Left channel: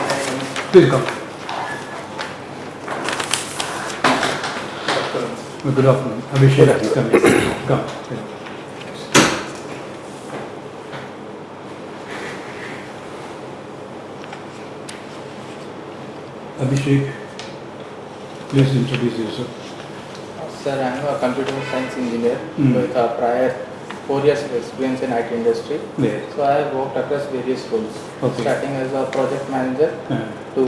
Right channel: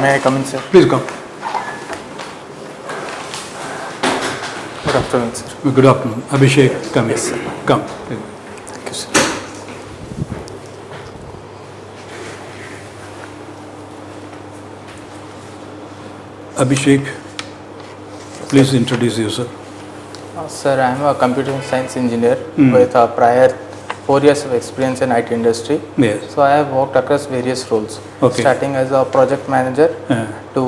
May I come in, sir? Please come. Good afternoon, sir. Good afternoon. Abhishek, come. Yes, sir. Come. Thank you, sir. Abhishek, please introduce yourself. Sir, I am a computer science engineer with a prior 4 years of experience in IT industry. Yes. So I have worked across various roles, Okay. starting as a project manager to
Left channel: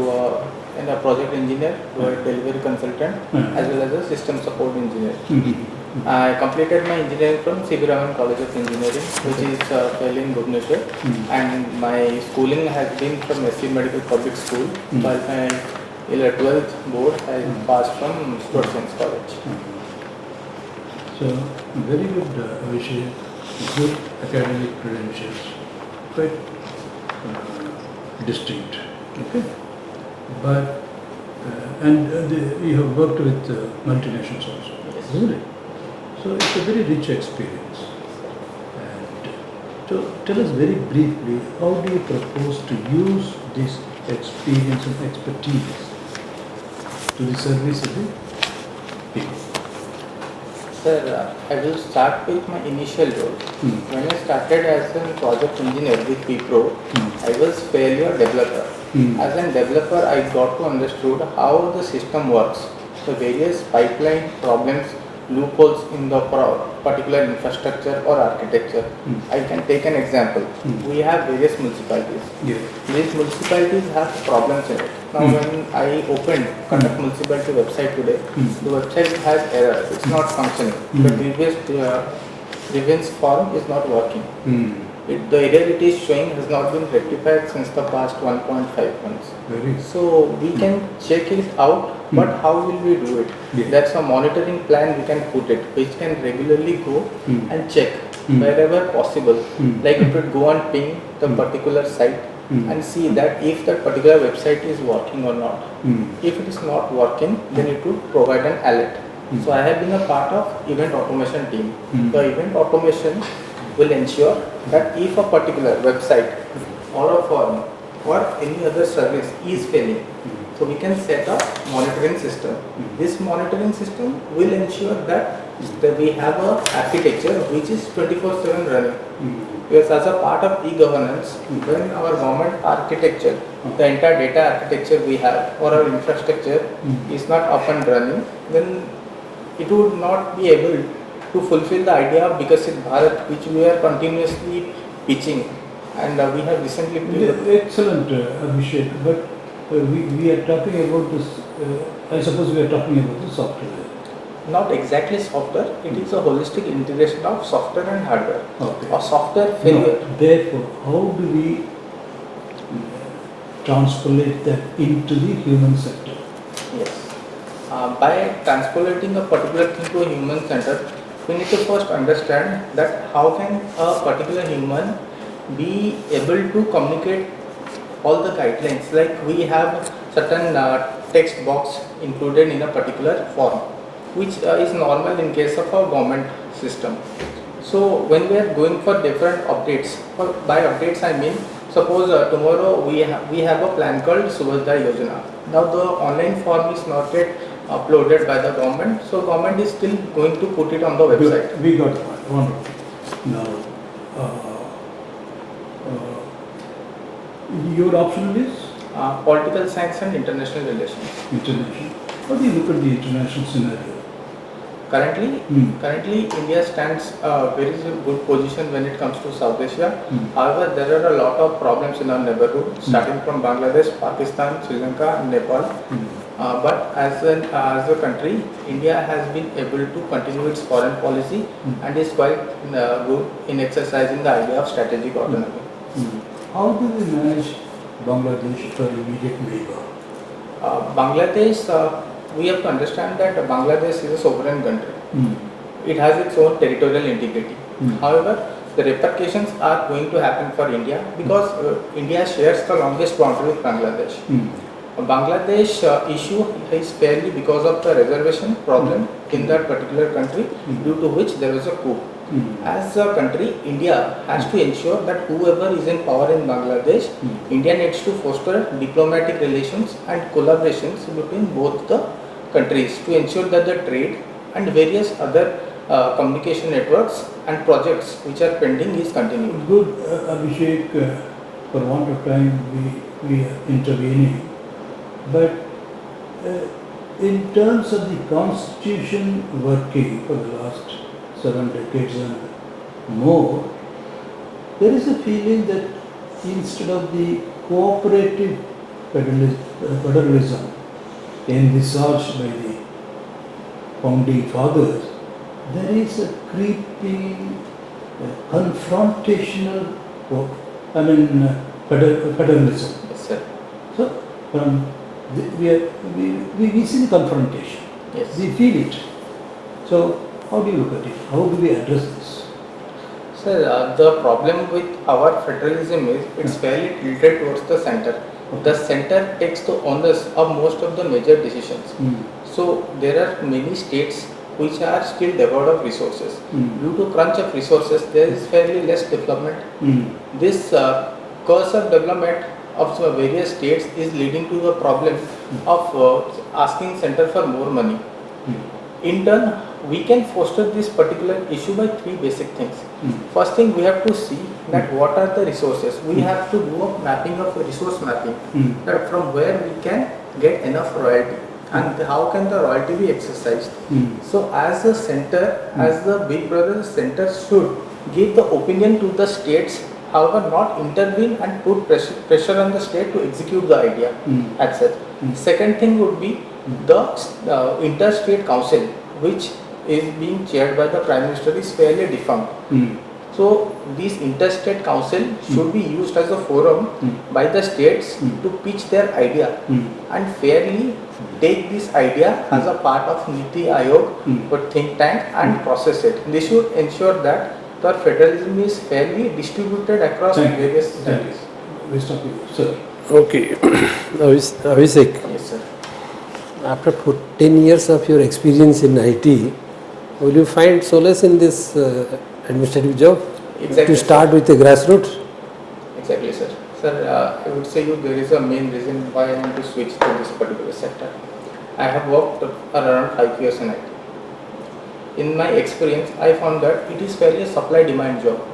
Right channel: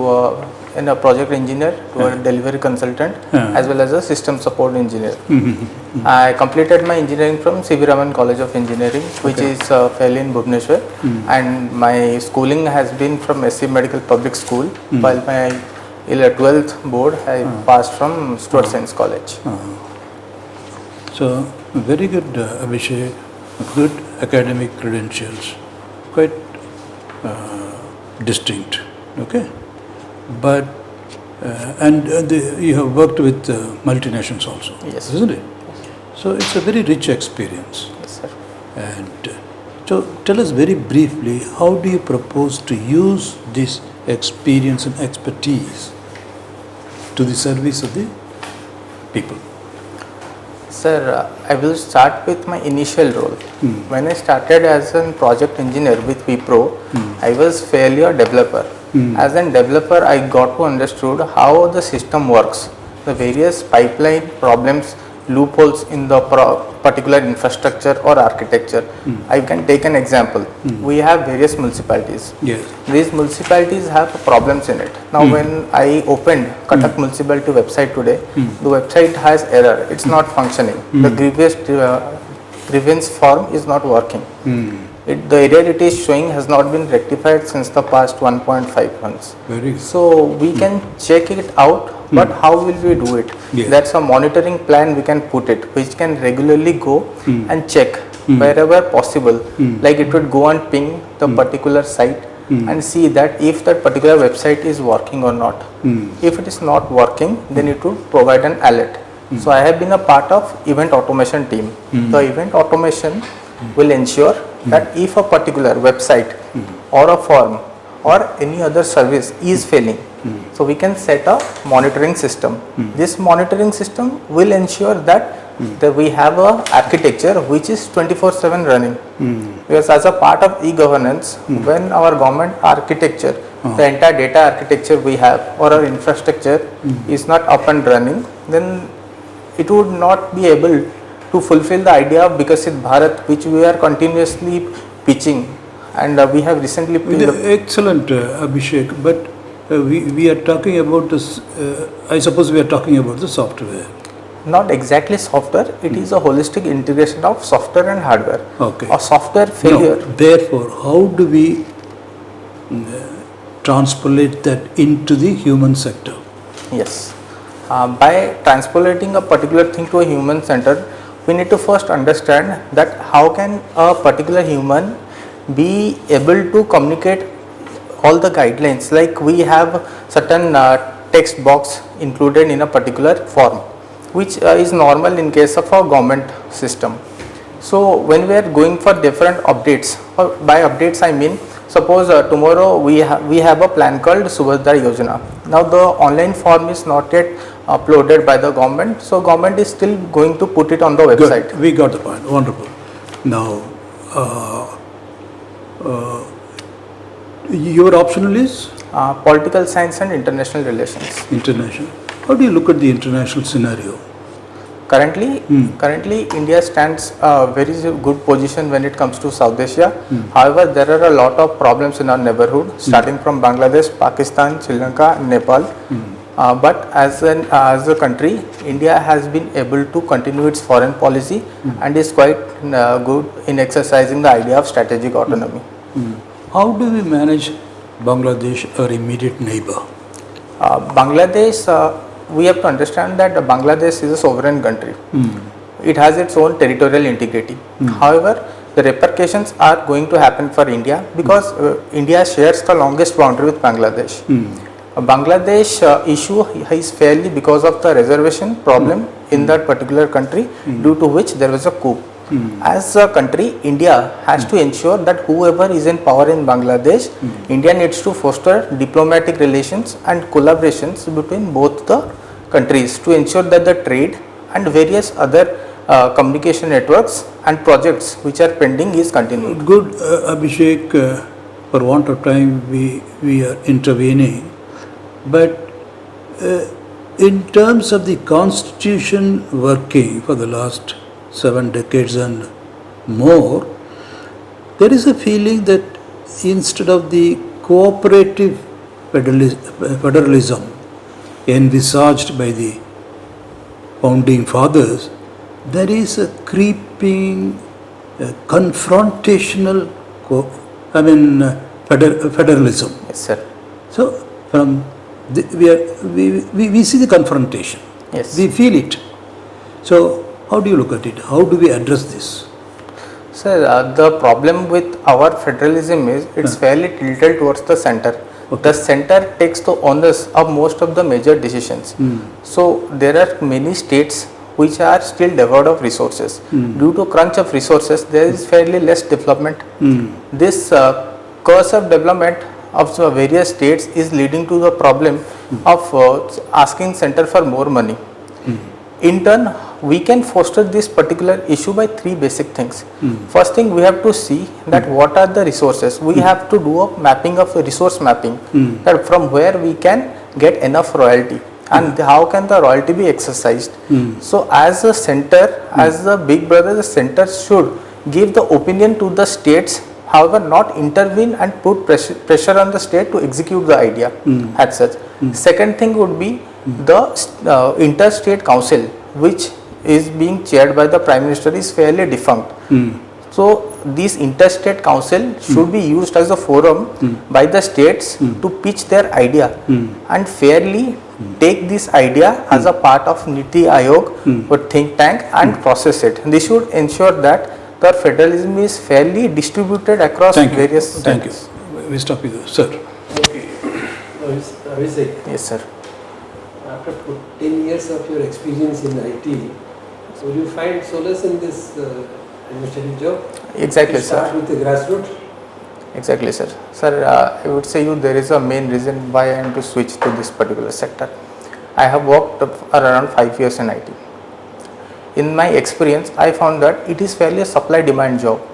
in a project engineer to a delivery consultant as well as a system support engineer. I completed my engineering from C.V. Raman College of Engineering, which is fairly in Bhubaneswar, and my schooling has been from SC Medical Public School, while my 12th board I passed from Stuart Science College. So, very good, Abhishek. Good academic credentials, quite distinct. Okay, but you have worked with multinationals also, Yes. isn't it? So it's a very rich experience. Yes, sir. And so, tell us very briefly, how do you propose to use this experience and expertise to the service of the people? Sir, I will start with my initial role. When I started as a project engineer with Wipro, I was fairly a developer. As a developer, I got to understood how the system works, the various pipeline problems, loopholes in the particular infrastructure or architecture. I can take an example. We have various municipalities. Yeah. These municipalities have problems in it. Now when I opened Cuttack municipality website today, the website has error. It's not functioning. The grievance form is not working. The error it is showing has not been rectified since the past 1.5 months. Very good. So we can check it out, but how will we do it? Yeah. That's a monitoring plan we can put it, which can regularly go and check wherever possible. Like it would go and ping the particular site and see that if that particular website is working or not. If it is not working, then it would provide an alert. So I have been a part of event automation team. The event automation will ensure that if a particular website or a form or any other service is failing, so we can set a monitoring system. This monitoring system will ensure that we have a architecture which is 24/7 running. Because as a part of e-governance, when our government architecture, the entire data architecture we have or our infrastructure is not up and running, then it would not be able to fulfill the idea of Bikasit Bharat, which we are continuously pitching, and we have recently Excellent, Abhishek, but we are talking about this, I suppose we are talking about the software. not exactly software, it is a holistic integration of software and hardware. Okay. A software failure. No, therefore, how do we transpolate that into the human sector? Yes. By transpolating a particular thing to a human center, we need to first understand that how can a particular human be able to communicate all the guidelines. Like we have certain text box included in a particular form, which is normal in case of a government system. So when we are going for different updates, by updates I mean, suppose tomorrow we have a plan called Subhadra Yojana. Now the online form is not yet uploaded by the government, so government is still going to put it on the website. Good. We got the point. Wonderful. Now, your optional is Political science and international relations. international. How do you look at the international scenario? Currently India stands a very good position when it comes to South Asia. However, there are a lot of problems in our neighborhood, starting from Bangladesh, Pakistan, Sri Lanka, Nepal. But as a country, India has been able to continue its foreign policy and is quite good in exercising the idea of strategic autonomy. How do we manage Bangladesh, our immediate neighbor? Bangladesh, we have to understand that Bangladesh is a sovereign country. It has its own territorial integrity. However, the repercussions are going to happen for India because India shares the longest boundary with Bangladesh. Bangladesh issue is fairly because of the reservation problem in that particular country, due to which there was a coup. As a country, India has to ensure that whoever is in power in Bangladesh, India needs to foster diplomatic relations and collaborations between both the countries to ensure that the trade and various other communication networks and projects which are pending is continued. Good, Abhishek, for want of time we are intervening, but in terms of the constitution working for the last 7 decades and more, there is a feeling that instead of the cooperative federalism envisaged by the founding fathers, there is a creeping confrontational federalism. Yes, sir. So from we see the confrontation. Yes. We feel it. So how do you look at it? How do we address this? Sir, the problem with our federalism is it's fairly tilted towards the center. Okay. The center takes the onus of most of the major decisions. So there are many states which are still devoid of resources. Due to crunch of resources, there is fairly less development. This curse of development of the various states is leading to the problem of asking center for more money. In turn, we can foster this particular issue by 3 basic things. First thing, we have to see that what are the resources. We have to do a mapping of resource mapping, that from where we can get enough royalty and how can the royalty be exercised. So as a center, as the big brother, the center should give the opinion to the states, however not intervene and put pressure on the state to execute the idea as such. Second thing would be the interstate council, which is being chaired by the Prime Minister, is fairly defunct. So this interstate council should be used as a forum by the states to pitch their idea and fairly take this idea as a part of Niti Aayog or think tank and process it. This should ensure that the federalism is fairly distributed across various states. We stop with you, sir. Okay. Abhishek, Yes, sir. after 10 years of your experience in IT, will you find solace in this administrative job? Exactly. To start with the grassroots? Exactly, sir. Sir, I would say there is a main reason why I am to switch to this particular sector. I have worked around 5 years in IT. In my experience, I found that it is fairly a supply-demand job.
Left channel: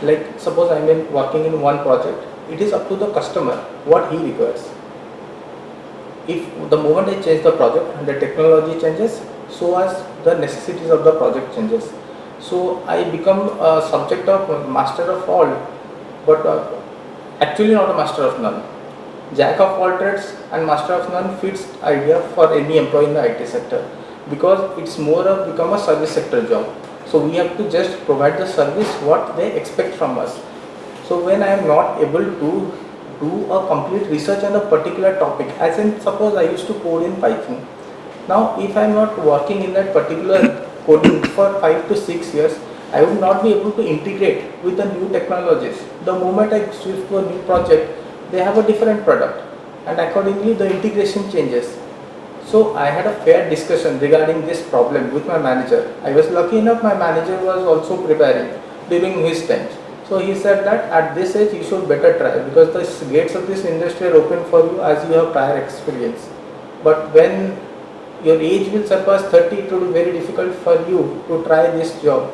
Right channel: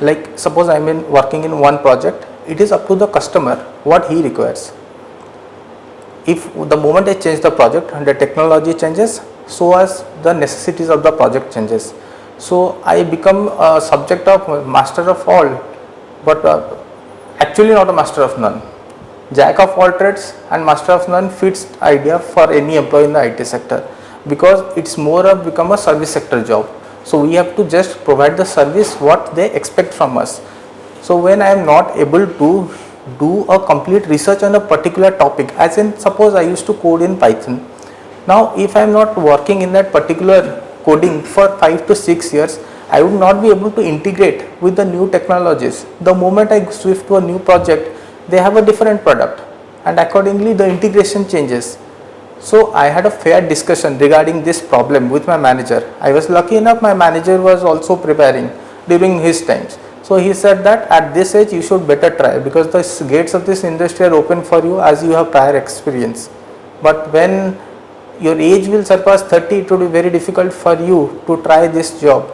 Like suppose I am working in one project, it is up to the customer what he requires. If the moment I change the project and the technology changes, so as the necessities of the project changes. So I become a subject of master of all, but actually not a master of none. Jack of all trades and master of none fits idea for any employee in the IT sector, because it's more of become a service sector job. So we have to just provide the service what they expect from us. So when I am not able to do a complete research on a particular topic, as in suppose I used to code in Python. Now if I am not working in that particular coding for 5 to 6 years, I would not be able to integrate with the new technologies. The moment I shift to a new project, they have a different product and accordingly the integration changes. So I had a fair discussion regarding this problem with my manager. I was lucky enough, my manager was also preparing during his times. So he said that at this age you should better try, because the gates of this industry are open for you as you have prior experience. But when your age will surpass 30, it will be very difficult for you to try this job.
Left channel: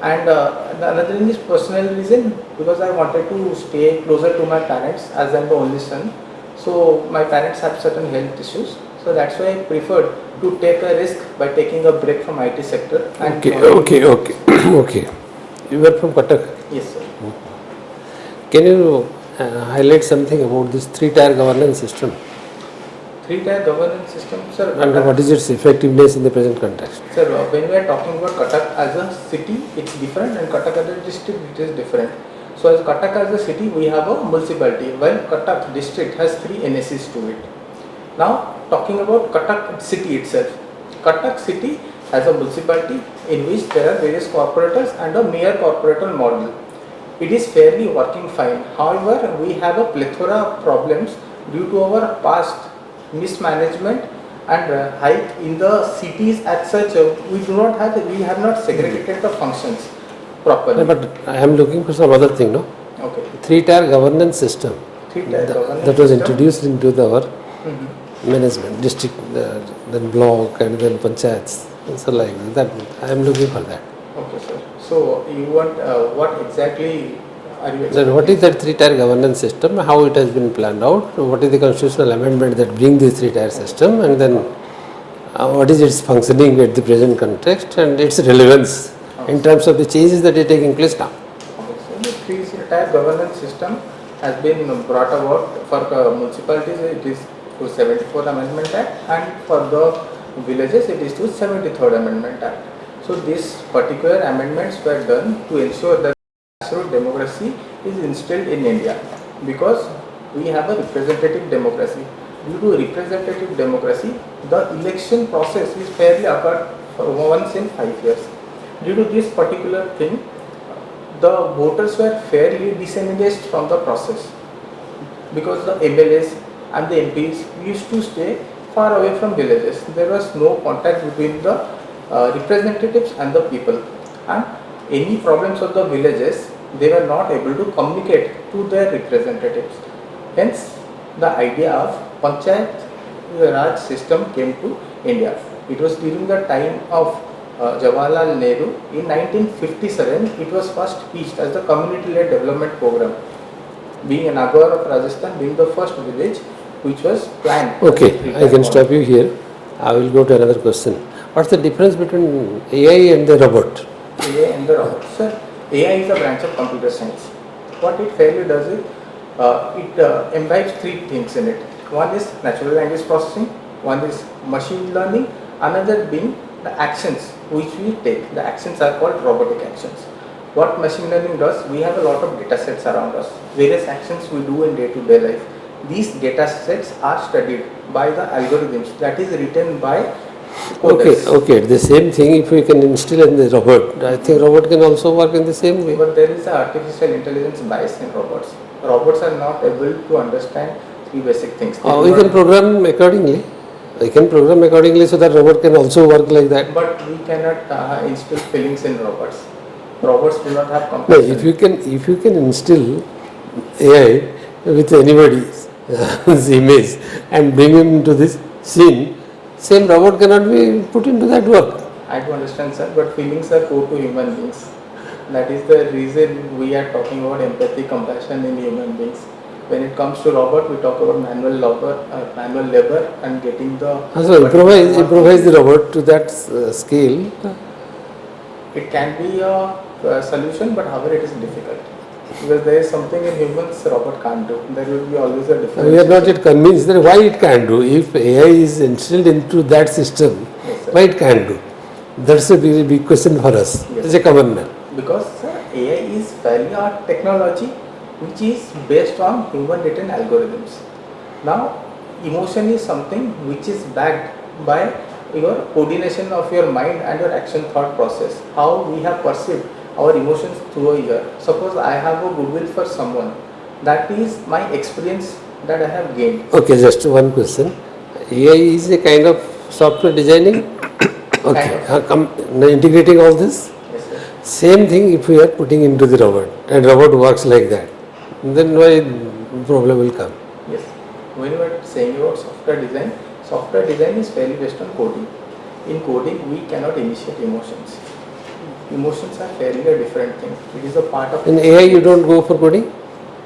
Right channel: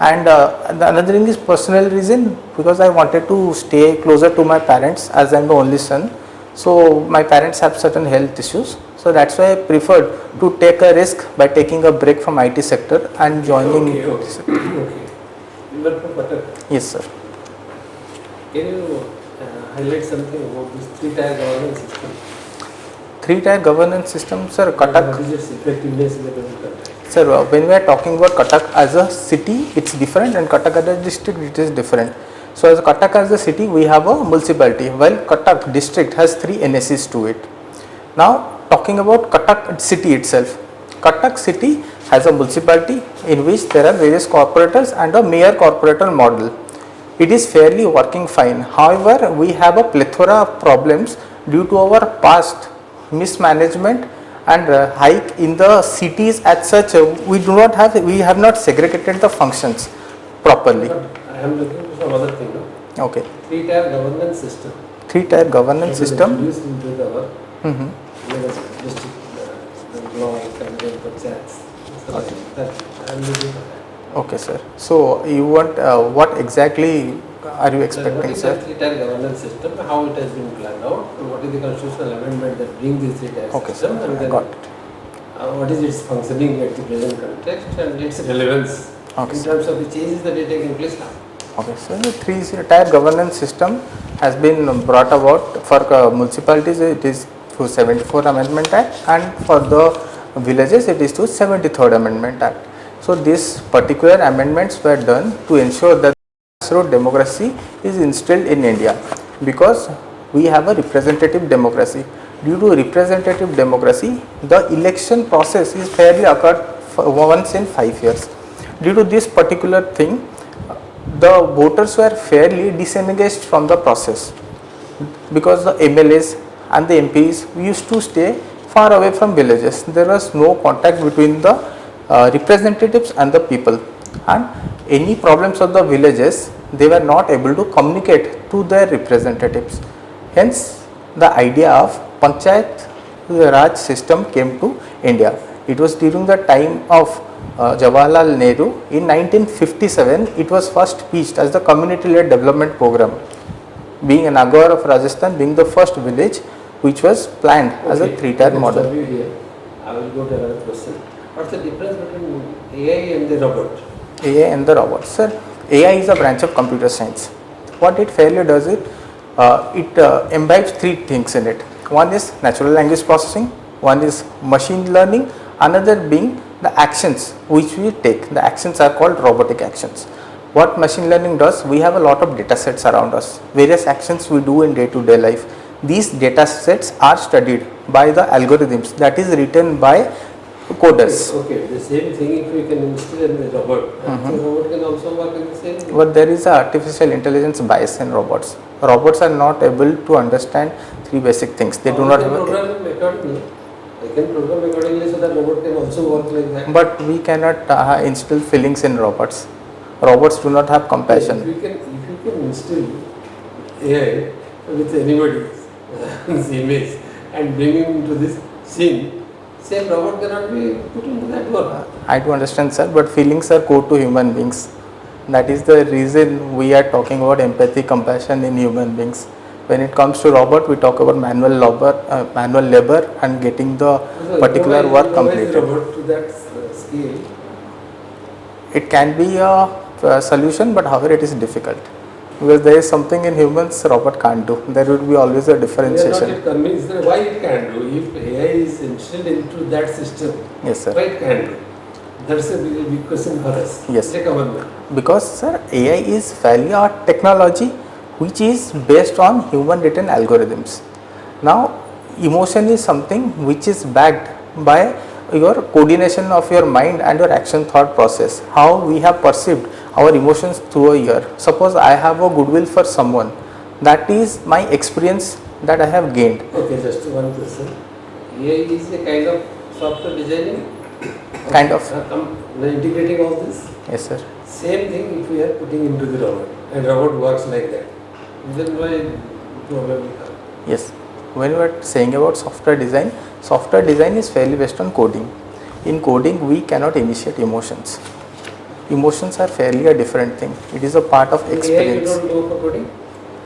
And another thing is personal reason, because I wanted to stay closer to my parents as I am the only son. So my parents have certain health issues. So that's why I preferred to take a risk by taking a break from IT sector and joining. Okay. You were from Cuttack. Yes, sir. Can you highlight something about this 3-tier governance system? 3-tier governance system, sir. Cuttack. What is its effectiveness in the present context? Sir, when we are talking about Cuttack as a city, it's different, and Cuttack as a district, it is different. So as Cuttack as a city, we have a municipality, while Cuttack district has 3 NSEs to it. Now talking about Cuttack city itself, Cuttack city has a municipality in which there are various corporators and a mayor corporator model. It is fairly working fine. However, we have a plethora of problems due to our past mismanagement and hike in the cities as such. We have not segregated the functions. properly. But I am looking for some other thing, no? Okay. 3-tier governance system. 3-tier governance That was system. introduced into our Mhm. management, district, then block and then panchayats. So like that, I am looking for that. Okay, sir. So you want what exactly are you So expecting? what is sir? that 3-tier governance system? How it has been planned out? What is the constitutional amendment that brings this 3-tier system? And then Got it. what is its functioning at the present context and its relevance Okay, in terms of the changes that are taking place now? Okay, so the 3-tier governance system has been brought about for municipalities. It is through 74th Amendment Act, and for the villages it is through 73rd Amendment Act. So these particular amendments were done to ensure that grassroots democracy is instilled in India, because we have a representative democracy. Due to representative democracy, the election process is fairly occurred for once in 5 years. Due to this particular thing, the voters were fairly disengaged from the process, because the MLAs and the MPs used to stay far away from villages. There was no contact between the representatives and the people, and any problems of the villages, they were not able to communicate to their representatives. Hence the idea of Panchayat Raj system came to India. It was during the time of Jawaharlal Nehru. In 1957, it was first pitched as the community-led development program, being Nagaur of Rajasthan being the first village which was planned as a Okay, 3-tier I can model. stop you here. I will go to another question. What's the difference between AI and the robot? AI and the robot. Sir, AI is a branch of computer science. What it fairly does is, it imbibes 3 things in it. One is natural language processing, one is machine learning, another being the actions which we take. The actions are called robotic actions. What machine learning does, we have a lot of data sets around us, various actions we do in day-to-day life. These data sets are studied by the algorithms that is written by coders. Okay, the same thing if we can instill in the robot. I think robot can also work in the same way. But there is a artificial intelligence bias in robots. Robots are not able to understand 3 basic things. They do We not can program accordingly. I can program accordingly so that robot can also work like that. But we cannot instill feelings in robots. Robots do not have Yes, compassion. if you can instill AI with anybody's image and bring him into this scene, same robot cannot be put into that work. I do understand, sir, but feelings are core to human beings. That is the reason we are talking about empathy, compassion in human beings. When it comes to robot, we talk about manual labor and getting the So particular work improvise the completed. robot to that scale. It can be a solution, but however it is difficult, because there is something in humans robot can't do. There will be always a We differentiation. are not yet convinced that why it can do. If AI is instilled into that system, Yes, sir. why it can do? That's a very big question for us. Yes. It's a common man. Because sir, AI is fairly a technology which is based on human written algorithms. Now emotion is something which is backed by your coordination of your mind and your action thought process, how we have perceived our emotions through a year. Suppose I have a goodwill for someone, that is my experience that I have gained. Okay, just one question. AI is a kind of software designing? Kind of. Now integrating all this? Yes, sir. Same thing if we are putting into the robot and robot works like that, then why problem will come? Yes. When we are saying about software design is fairly based on coding. In coding, we cannot initiate emotions. Emotions are fairly a different thing. It is a part of In experience. AI you don't go for coding?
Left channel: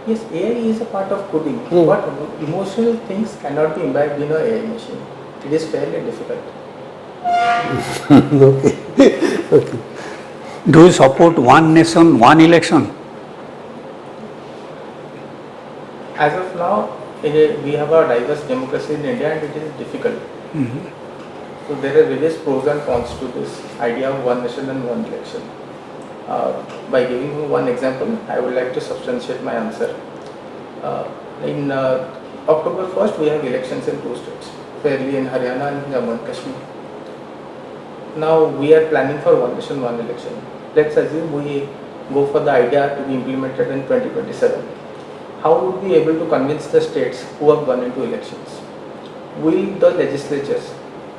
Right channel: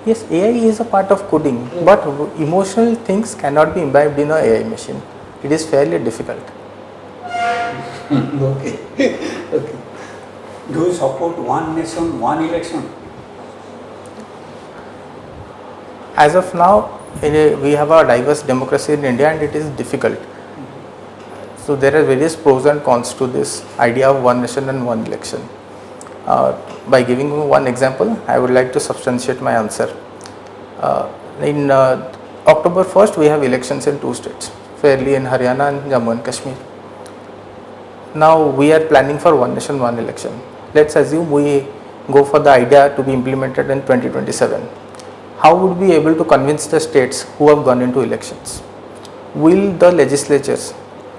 Yes, AI is a part of coding, but emotional things cannot be imbibed in a AI machine. It is fairly difficult. Okay. Do you support one nation, one election? As of now, we have a diverse democracy in India and it is difficult. So there are various pros and cons to this idea of one nation and one election. By giving you one example, I would like to substantiate my answer. In October 1st, we have elections in 2 states, fairly in Haryana and Jammu and Kashmir. Now we are planning for one nation, one election. Let's assume we go for the idea to be implemented in 2027. How would we be able to convince the states who have gone into elections? Will the legislatures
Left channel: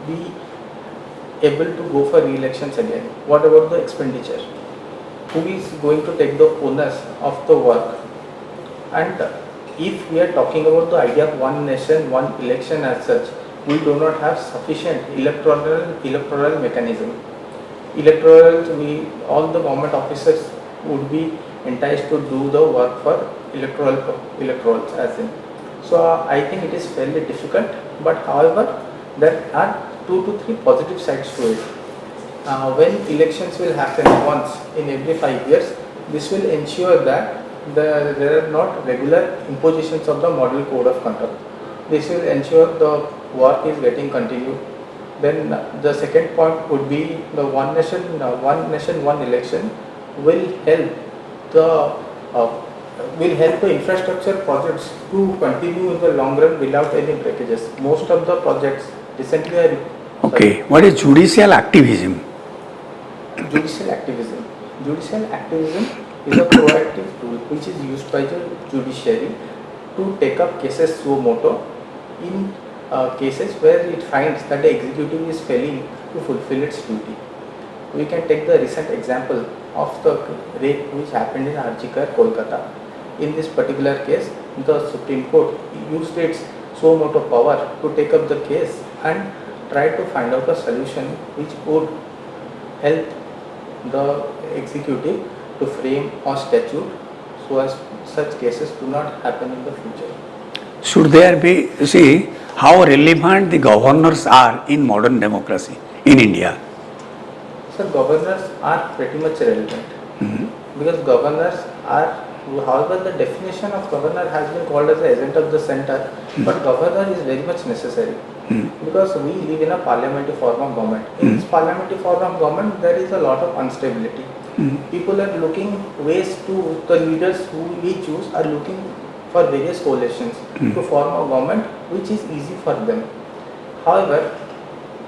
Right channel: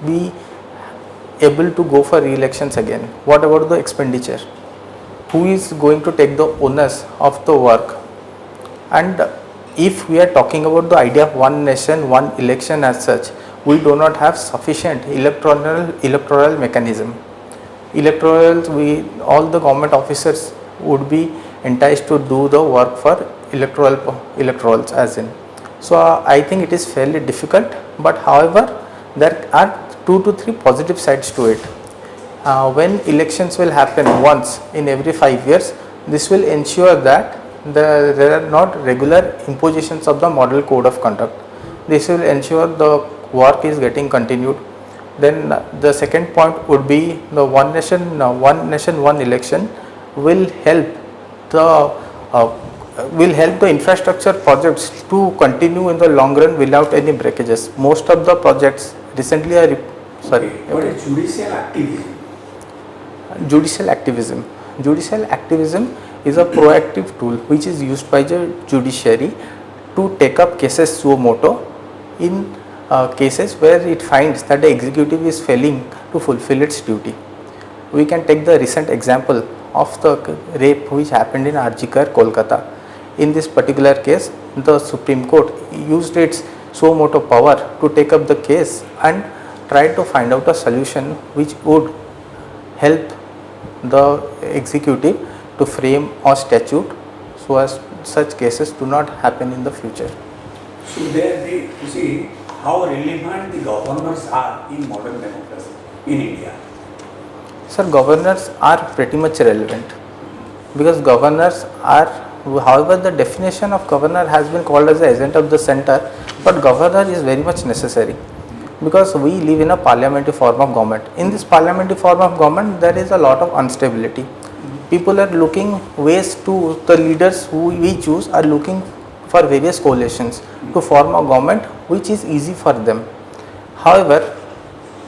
be able to go for re-elections again? What about the expenditure? who is going to take the onus of the work. And if we are talking about the idea of one nation, one election as such, we do not have sufficient electoral mechanism. All the government officers would be enticed to do the work for electorals as in. So I think it is fairly difficult, but however there are 2 to 3 positive sides to it. When elections will happen once in every 5 years, this will ensure that there are not regular impositions of the model code of conduct. This will ensure the work is getting continued. Then the second point would be the one nation, one election will help the infrastructure projects to continue in the long run without any breakages. Most of the projects recently are Okay, what is judicial activism? Judicial activism. Judicial activism is a proactive tool which is used by the judiciary to take up cases suo motu in cases where it finds that the executive is failing to fulfill its duty. We can take the recent example of the rape which happened in Arjikar, Kolkata. In this particular case, the Supreme Court used its suo motu power to take up the case and try to find out a solution which would help the executive to frame a statute so as such cases do not happen in the future. Should there be, see how relevant the governors are in modern democracy in India? Sir, governors are pretty much relevant because governors are, however the definition of governor has been called as the agent of the center, but governor is very much necessary because we live in a parliamentary form of government. In this parliamentary form of government, there is a lot of instability. People are looking ways to, the leaders who we choose are looking for various coalitions to form a government which is easy for them. However,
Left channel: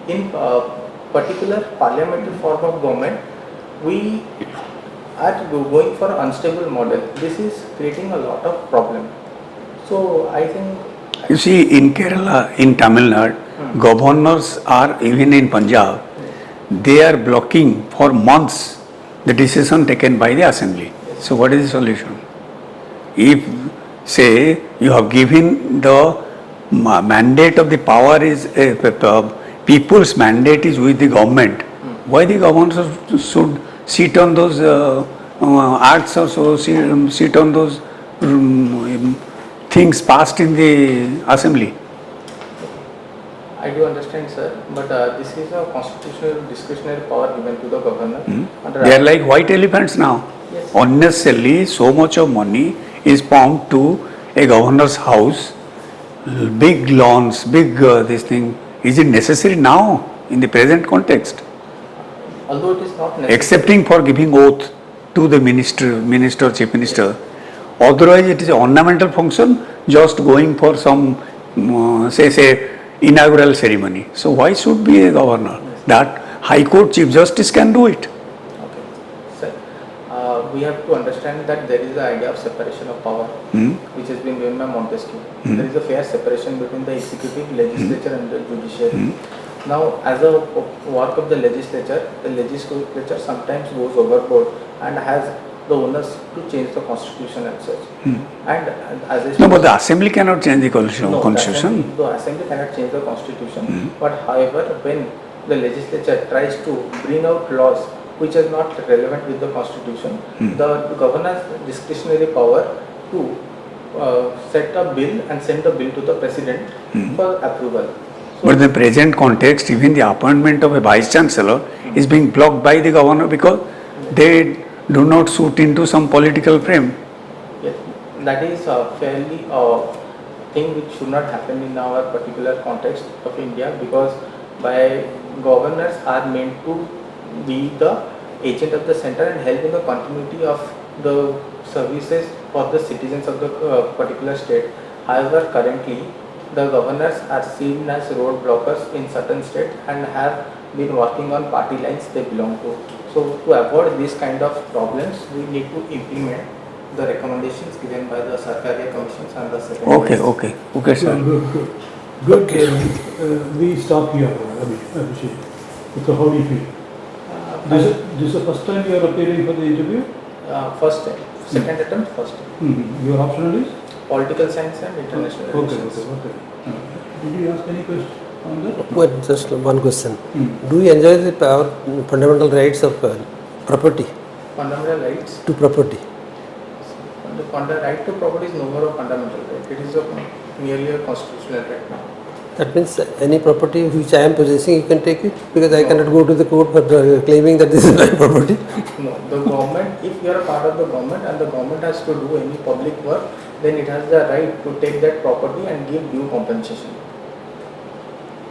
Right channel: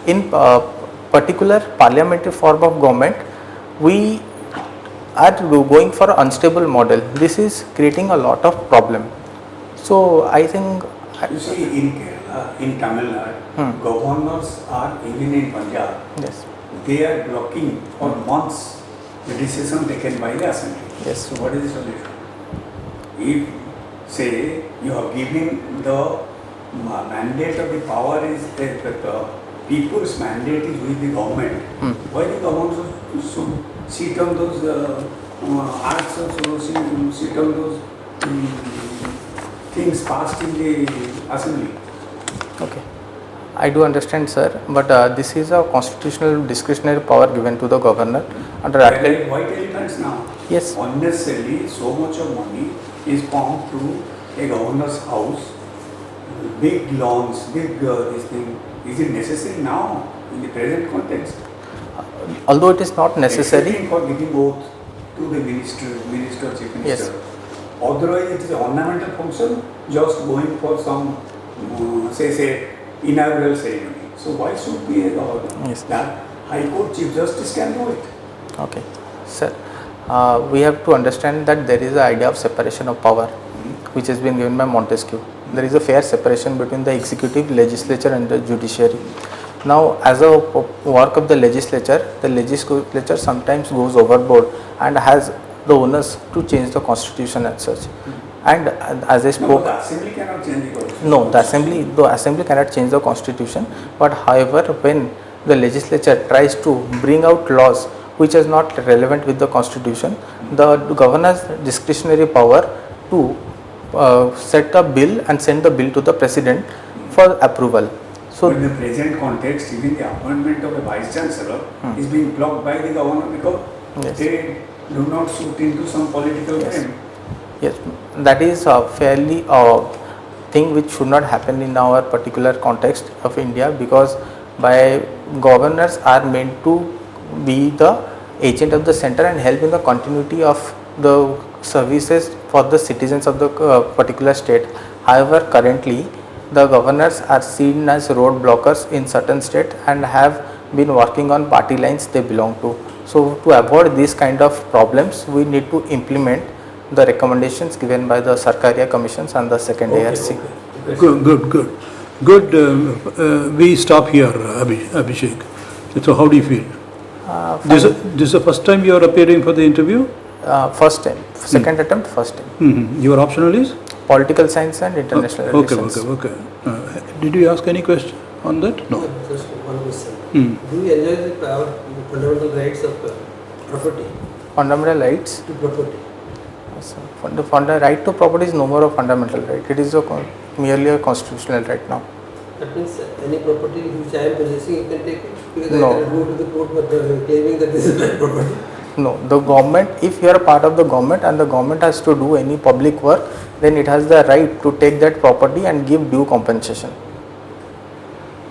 in particular parliamentary form of government, we are going for an unstable model. This is creating a lot of problem. So I think You see, in Kerala, in Tamil Nadu, governors are, even in Punjab, yes. they are blocking for months the decision taken by the assembly. Yes. So what is the solution? If, say, you have given the mandate of the power is, people's mandate is with the government, why the governors should sit on those acts or so, sit on those things passed in the assembly? Okay, I do understand, sir, but this is a constitutional discretionary power given to the governor. They are like white elephants now. Yes. Unnecessarily, so much of money is pumped to a governor's house, big lawns, big this thing. Is it necessary now in the present context? Although it is not necessary. Excepting for giving oath to the minister, chief minister. Yes. Otherwise, it is an ornamental function, just going for some, say, inaugural ceremony. So why should be a governor? Yes. That High Court Chief Justice can do it. Okay, sir. We have to understand that there is an idea of separation of power, which has been given by Montesquieu. There is a fair separation between the executive, legislature, and the judiciary. Now, as a work of the legislature sometimes goes overboard and has the onus to change the constitution as such. And as I spoke, No, but the assembly cannot change the constitution. no, the assembly cannot change the constitution. But however, when the legislature tries to bring out laws which is not relevant with the constitution, the governor's discretionary power to set a bill and send the bill to the president for approval. So, But in the present context, even the appointment of a vice chancellor is being blocked by the governor because they do not suit into some political frame. yes, that is fairly thing which should not happen in our particular context of India, because by governors are meant to be the agent of the center and help in the continuity of the services for the citizens of the particular state. However, currently the governors are seen as road blockers in certain states and have been working on party lines they belong to. So to avoid these kind of problems, we need to implement the recommendations given by the Sarkaria commissions and the second ASC. Okay, sir. Good. We stop here, Abhishek. So how do you feel? This is the first time you are appearing for the interview? first time, second attempt, first time. Your optional is? Political science and international relations. Okay. Did you ask any question on that? Well, just one question. Do you enjoy the fundamental rights of property Fundamental rights. to property? The right to property is no more a fundamental right. It is merely a constitutional right now. That means any property which I am possessing, you can take it, because I No. cannot go to the court for claiming that this is my property. No, the government, if you are a part of the government and the government has to do any public work, then it has the right to take that property and give due compensation.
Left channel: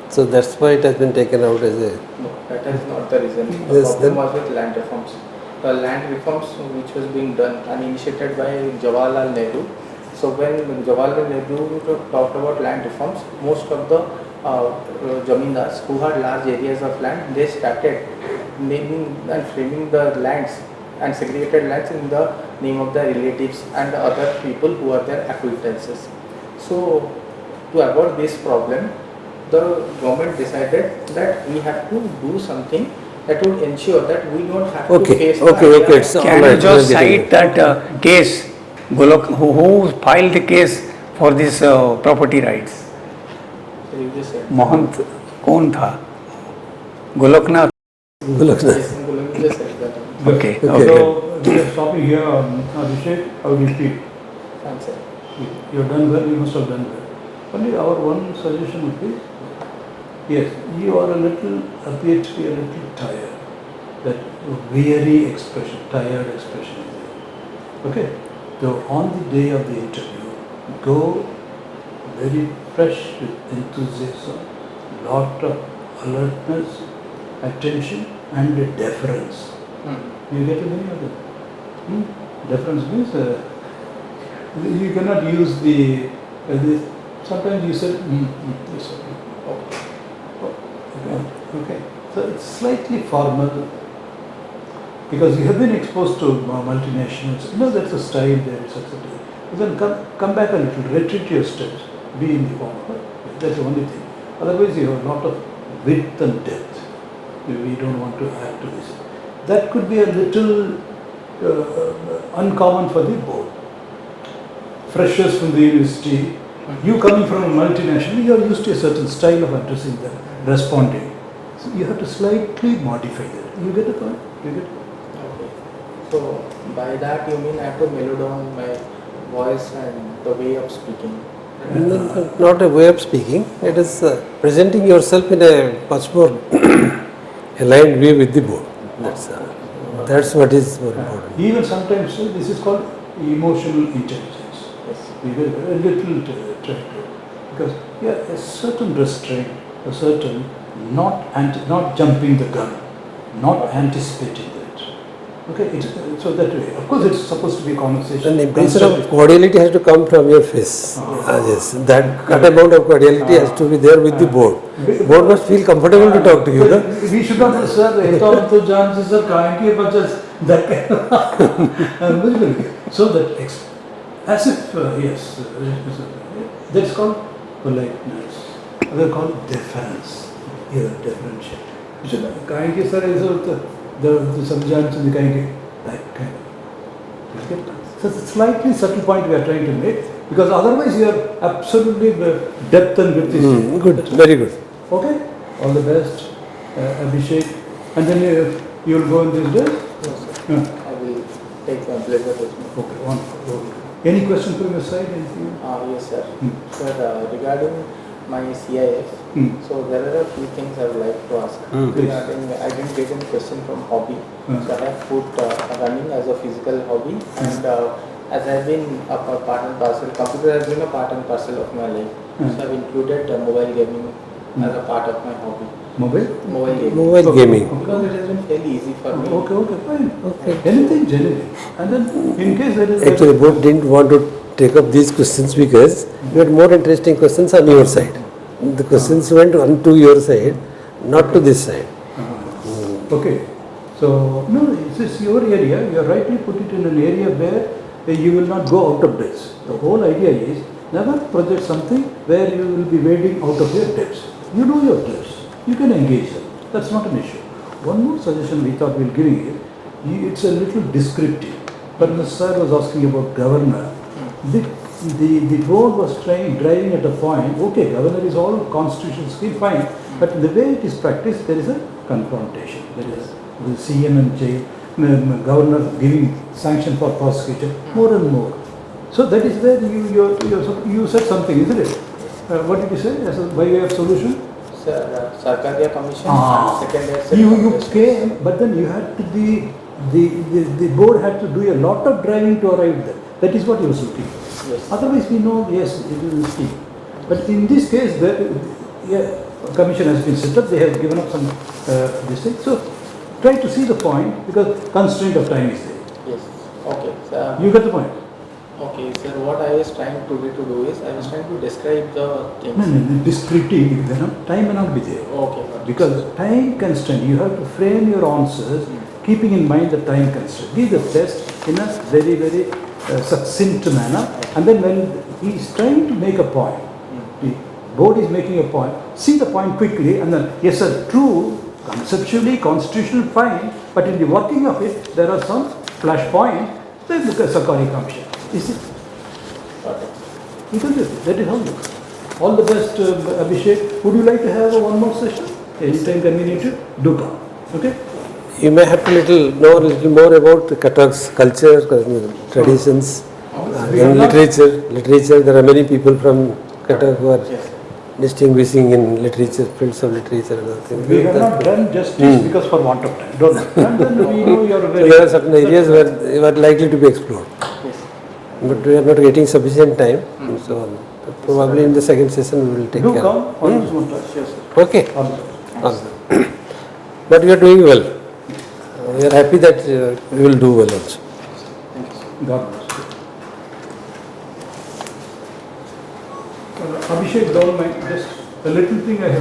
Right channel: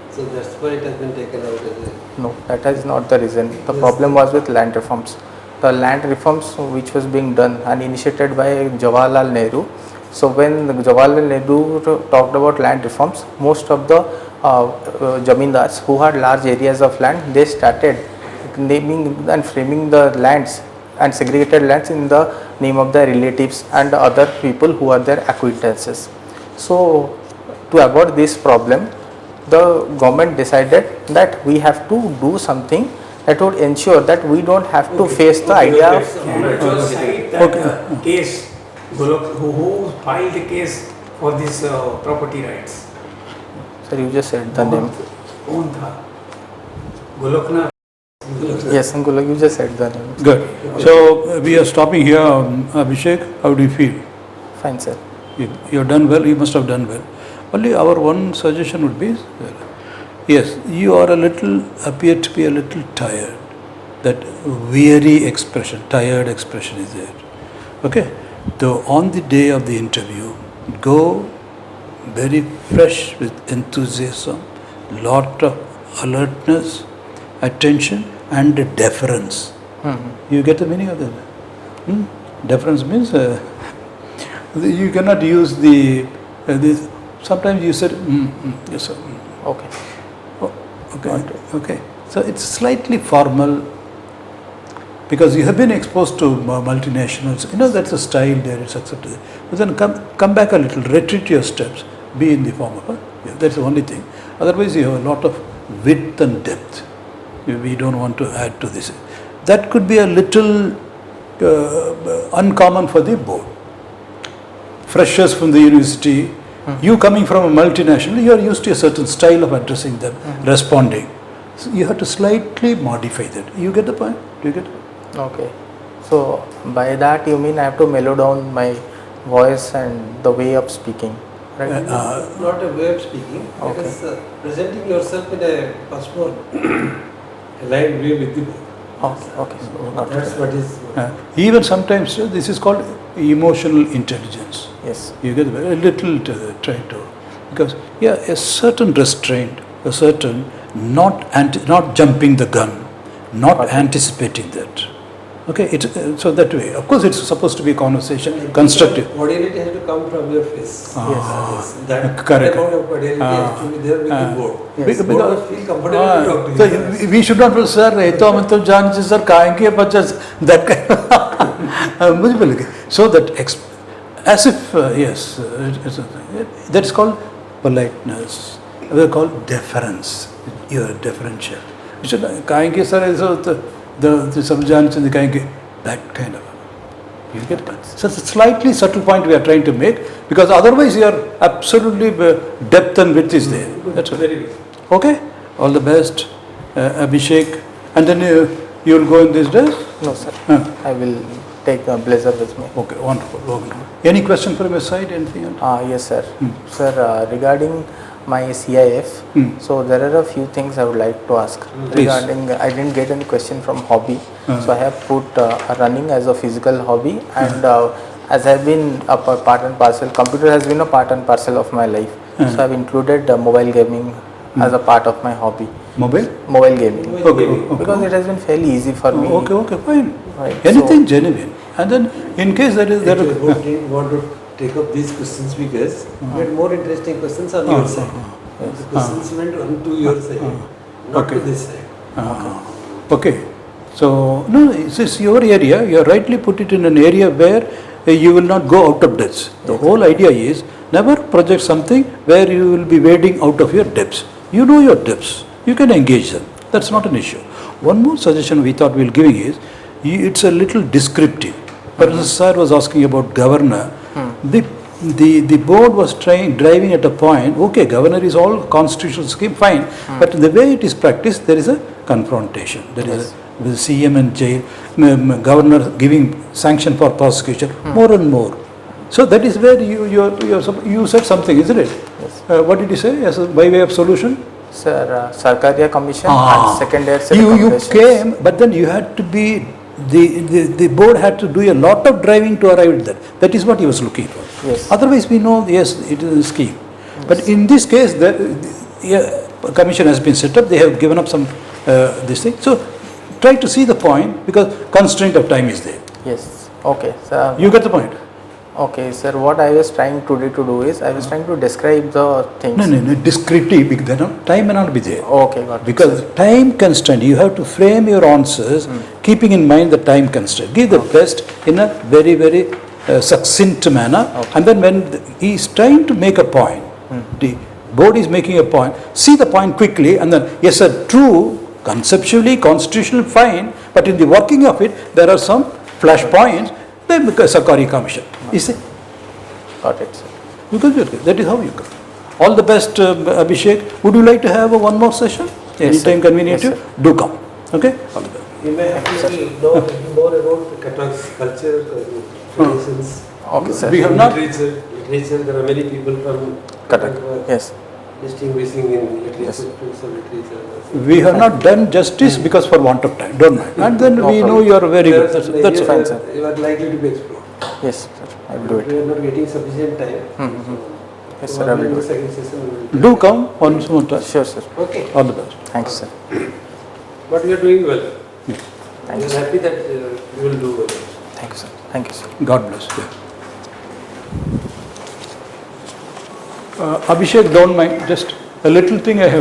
So that's why it has been taken out as a. No, that is not the reason. The Yes, problem then- was with land reforms. The land reforms which was being done and initiated by Jawaharlal Nehru. So when Jawaharlal Nehru talked about land reforms, most of the zamindars who had large areas of land, they started naming and framing the lands and segregated lands in the name of their relatives and other people who are their acquaintances. So to avoid this problem, the government decided that we have to do something that would ensure that we don't have to face the idea. So Can you just cite that case, Golok, who filed the case for this property rights? Sir, you just said the name. Mohan, कौन था? Golaknath. Yes, Golok, you just said the name. Okay. So we are stopping here. Abhishek, how do you feel? Fine, sir. You have done well. You must have done well. Only our one suggestion would be, yes, you are appear to be a little tired. That weary expression, tired expression is there. Okay. So on the day of the interview, go very fresh with enthusiasm, lot of alertness, attention, and deference. You get the meaning of that? Deference means you cannot use this. Sometimes you said, yes, sir. Okay. Okay. So it's slightly formal because you have been exposed to multinationals. You know that's a style there. It's accepted. But then come back a little, retreat your steps. Be in the form of that's the only thing. Otherwise, you have a lot of width and depth. We don't want to add to this. That could be a little uncommon for the board. Freshers from the university. You coming from a multinational, you are used to a certain style of addressing them, responding. So you have to slightly modify that. You get the point? Do you get it? Okay. So by that you mean I have to mellow down my voice and the way of speaking, right? Not a way of speaking. It is presenting yourself in a much more aligned way with the board. Okay. That's what is. Even sometimes this is called emotional intelligence. Yes. You get a little try to, because a certain restraint, a certain not jumping the gun, not anticipating that. Okay, so that way. Of course, it's supposed to be a conversation, constructive. Cordiality has to come from your face. Yes. That amount of cordiality has to be there with the board. Yes. Board must feel comfortable to talk to you. We should not, sir. Eto janche sir kahenge, but just that kind. So that as if yes, that's called politeness. We call deference. You are deferential. So kahenge sir is the subject in the kahenge, that kind of. You get that? So it's a slightly subtle point we are trying to make, because otherwise you are absolutely depth and width is there. Good, That's very good. Okay, all the best, Abhishek. And then you will go in these days? No, sir. I will take the blazer with me. Okay, wonderful. Any question from your side? Anything? Yes, sir. Sir, regarding my CIF, so there are a few things I would like to ask. Regarding, I didn't get any question from hobby. So I have put running as a physical hobby, and as I have been a part and parcel, computer has been a part and parcel of my life. So I have included mobile gaming as a part of my hobby. Mobile gaming. Mobile gaming. Because it has been fairly easy for me. Okay, fine. Right. Anything genuine. And then in case there is... Actually, board didn't want to take up these questions because we had more interesting questions on your side. The questions went on to your side, not to this side. Okay. So, no, it's your area. You rightly put it in an area where you will not go out of depths. The whole idea is never project something where you will be wading out of your depths. You know your depths. You can engage them. That's not an issue. One more suggestion we thought we'll giving is, it's a little descriptive. But the sir was asking about governor. The board was driving at a point, okay, governor is all constitutional scheme, fine. But the way it is practiced, there is a confrontation. There is a CM and jail, governor giving sanction for prosecution, more and more. So that is where you said something, isn't it? What did you say as by way of solution? Sir, Sarkariya Commission and secondary set You regulations. came, but then you had to be, the board had to do a lot of driving to arrive at that. That is what he was looking for. Yes. Otherwise we know, yes, it is a scheme. But in this case, the commission has been set up, they have given up some this thing. So try to see the point, because constraint of time is there. Yes. Okay. Sir. You get the point? Okay, sir. What I was trying today to do is I was trying to describe the things. No, descriptive, then time may not be there. Okay, got it. Because time constraint, you have to frame your answers keeping in mind the time constraint. Give the best in a very, very succinct manner. Okay. And then when he is trying to make a point, the board is making a point, see the point quickly and then, yes sir, true, conceptually, constitutional, fine, but in the working of it, there are some flash points, then because Sarkariya Commission. You see? Got it. You can do it. That is how you come. All the best, Abhishek. Would you like to have one more session? Anytime convenient? Yes, you? Do come. Okay? All the best. You may have to know a little more about the Cuttack's culture, traditions, Okay, sir. We have and not- literature. There are many people from Cuttack who are Yes. distinguishing in literature, fields of literature and all things. We have not done justice because for want of time. Don't mind. And then we know you are very There are good. certain That's areas fine, where sir. you are likely to be explored. Yes. I will do But it. we are not getting sufficient time. So Yes, sir, I probably will in the do. second session we will take Do care. come once more time. Sure, sir. Okay. All the best. Thanks, sir. But we are doing well. We are happy that we will do well also. Thank you, sir. Thank you, sir. God bless you. Abhishek, don't mind. Just a little thing I have